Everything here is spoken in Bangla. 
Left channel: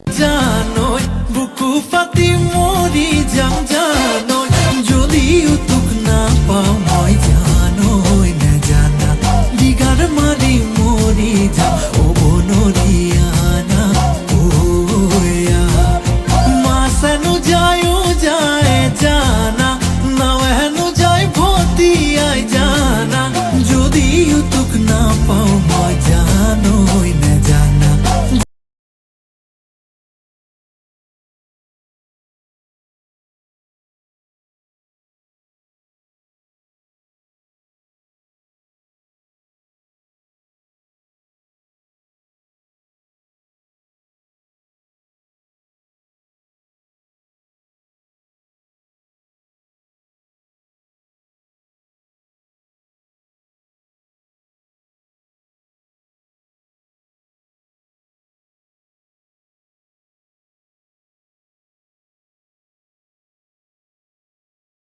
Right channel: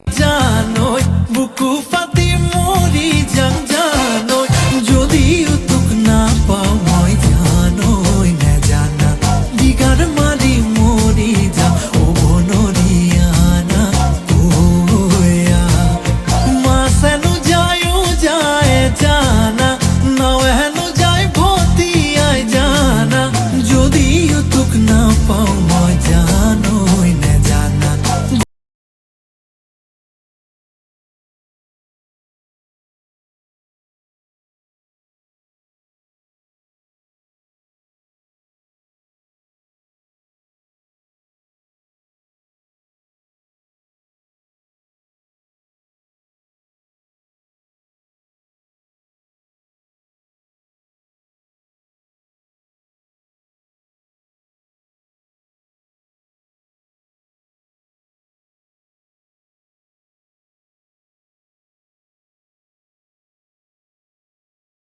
জানই বুকু পাতি মরি যাং জানই যদিও তোক না পাও মই জানই না জানা দিগার মারি মরি যা ও বনরিয়ানা ওয়া মাসেনু যায়ও যায় জানা নাও হেনু যায় ভতি আয় জানা যদিও তোক না পাও মই জানই না জানা